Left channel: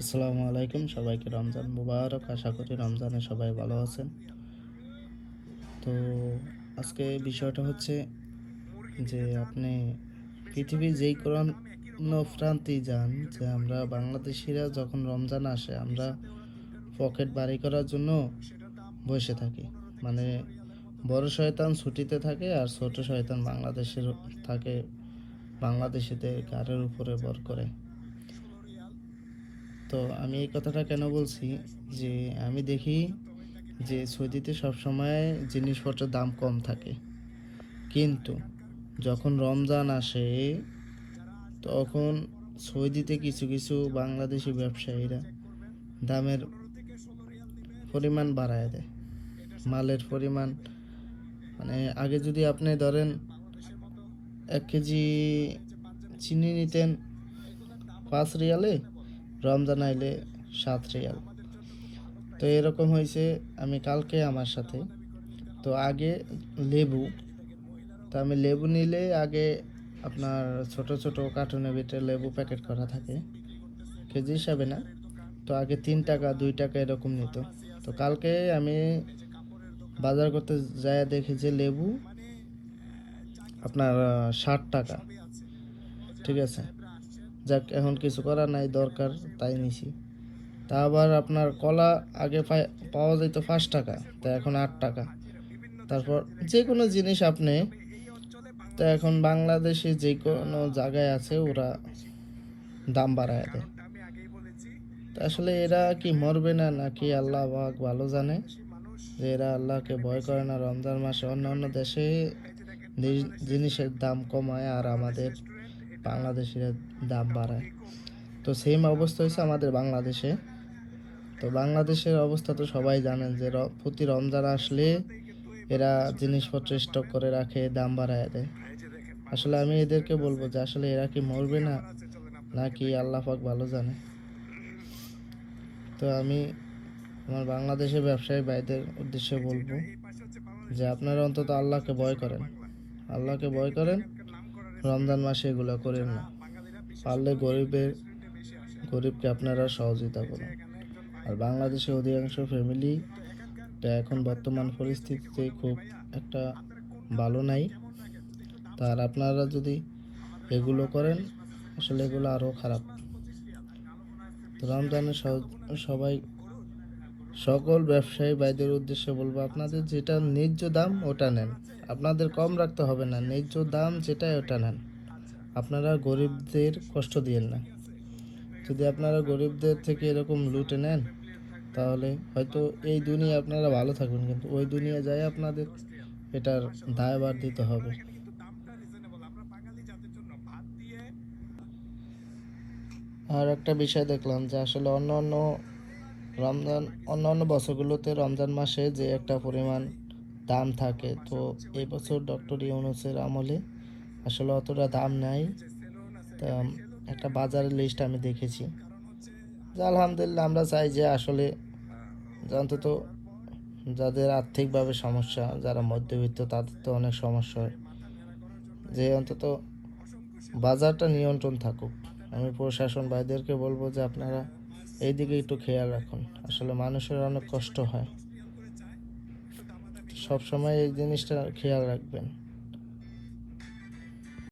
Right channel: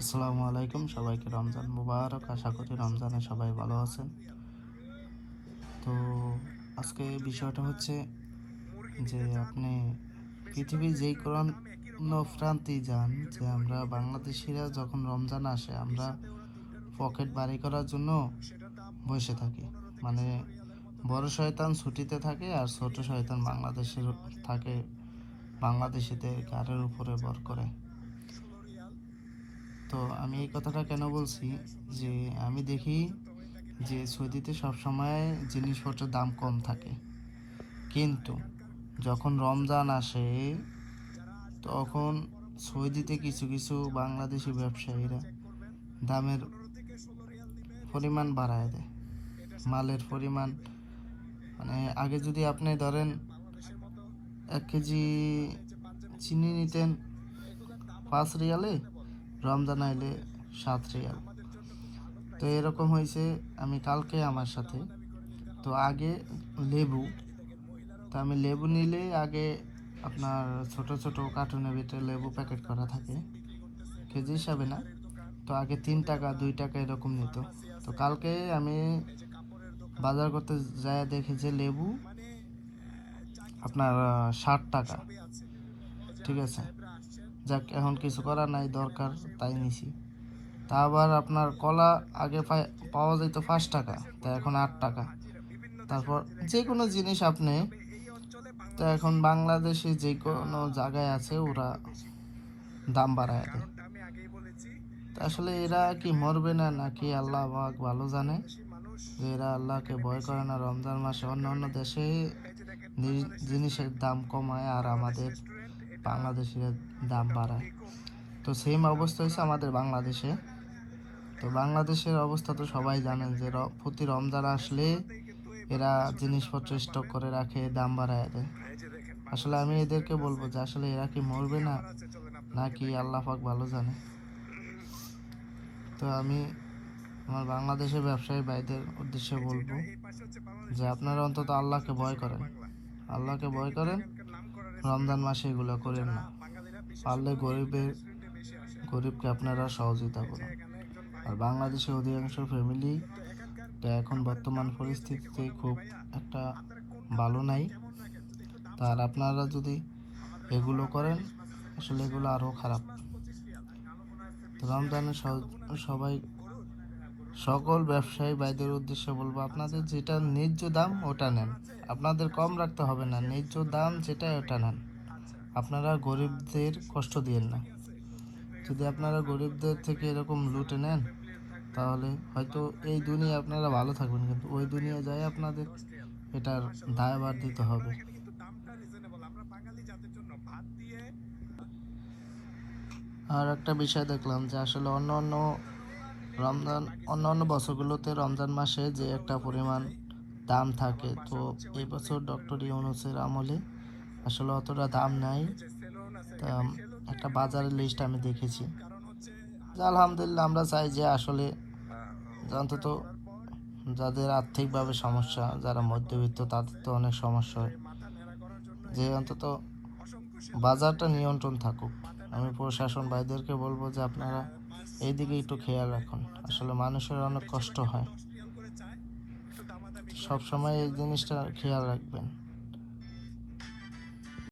আসসালামু আলাইকুম, সবাইকে রমজান মুবারক। আশা করি রমজানে সবাই ভালো আছেন। তো আজকে বিষয়টা হচ্ছে যে আপনি পৃথিবীর যেই কোনো প্রান্তেই যান, যে আমরা বাংলাদেশিরা যখন রমজান আসে, আমরা পকেট বাড়ি করার জন্য বসে থাকি। মানে বড় শয়তান ছুটিতে থাকে আর ছোট শয়তান বাংলাদেশের থাকে বাংলাদেশিতে গাড়ির উপরে বর করে। তো আমি এই কথাটা কেন বলছি? যে আমি দেখি যে সৌদিতে সবসময় জিনিসপত্রের দাম কম থাকে। কিন্তু যখন রমজান আসে, তখন সৌদিতে কিছু কিছু বাংলাদেশি ব্যবসায়ীরা দামের পরিমাণ বাড়ায় দেয়। মালের পরিমাণ মানে আগে যদি আপনি ধরেন এক কেজি চিনি নিতেন পাঁচ রিয়ালে রমজান আইলে সাত রিয়াল। তো এরকম হয়েছে আমি কালকে আমার সাথে। তো আগে লেবু, তো আমি লেবু নিলে আগে আপনার ছোট ছোট কার্টুনের ভিতরে লেবু প্যাকেট করা থাকে, কেজি হিসাবে না। তো আগে তিন টাকা, দুই টাকা এরকম নিত। তো কালকে আমি বাজার করতে যায় দেখি যে লেবু আপনার ষাট টাকা। ঠিক আছে? যাক, এখন কিছু করার নাই, দরকার তাই নিছি। তা আবার আপনার কলা আগে পাওয়া যেত পাঁচ টাকা, তা এখন আট টাকা। তারপর যে কোনো জিনিস আপনি, তো এখন বাংলাদেশে যে কোনো জায়গায় আছে, ওরা দাম বাড়ায় দেয়। আসলে এরা কি মরবে না, নাকি আল্লাহ পাক ভালো জানে? যে এরা আল্লাহকে ভয় করে না, রমজান মাসে অন্য অন্য দেশে জিনিসের দাম কমায় আর আমাদের বাংলাদেশের দাম বাড়ায়। তো সেম অবস্থা হয়েছে আমাদের বাংলাদেশে। তো বাংলাদেশের অবস্থা তো সবাই জানেন যে প্রতি রমজান আসলে এরা জিনিসপত্র স্টক করে রাখে, দাম বাড়ায় দেয়। আসলে আমি এদেরকে বলব যে আসলে এরা কি মরবে না, নাকি আল্লাহ পাক ভালো জানে। তো আমি আমার বাংলাদেশের ব্যবসায়ী ভাইদের উদ্দেশ্যে বলব যে আপনারা অন্তত আল্লাহকে ভয় করেন। আল্লাহকে ভয় করেন। রমজান মাসে এগুলো করেন না। পারলে গরিবের গরিবকে আপনারা সহযোগিতা করুন। আর বাংলাদেশের অধিকাংশ ফ্যামিলি এখন বর্তমান পরিস্থিতিতে খুব একটা ভালো নাই। তার আপনারা যদি এগুলো করেন, আসলে এগুলো আরও খারাপ। রমজানে সবাই সকল ব্যবসায়ী ভাইদের উদ্দেশ্যে বলব, আপনাদের যেটা ন্যায্য দাম, ওটা নেন। আপনাদের কম রাখতে হবে না, ন্যায্য দাম যেটা ওটা নেন। আপনারা গরিবদের কষ্ট দিয়েন না। যদি আপনারা গরিবদের থেকে এরকম লুটে নেন, তাহলে হয়তো এই দুনিয়া আপনারা ভালো থাকবেন, কিন্তু ওই দুনিয়া যায় আপনাদের এটার দায়ভার দিতে হবে। আর একটা বিষয় দেখলাম যে আসলে অন্য অন্য রমজান অন্য অন্য বছরগুলোতে রমজান মাসে যে একটা পরিমাণ দাম থাকে, তো এবছর ডক্টর ইউনুসের আমলে আসলে অতটা দাম নাই। তা, একটা বাজারের লিস্ট আমি দেখেছি। আলহামদুলিল্লাহ, আমরা চাই যে আসলে অন্তত যাদের আর্থিকভাবে সমস্যা, যারা মধ্যবিত্ত, তাদের তো অনেক সমস্যা হয়। যে অন্তত বাজারটা নিয়ন্ত্রণ থাকুক। আমি প্রশাসন ভাইদেরকে বলব যে আপনারা এই দিকে একটু খেয়াল রাখুন। আসলে মানুষের অনেক কষ্ট হয়। সবসময় এই জিনিসটা খেয়াল রাখবেন।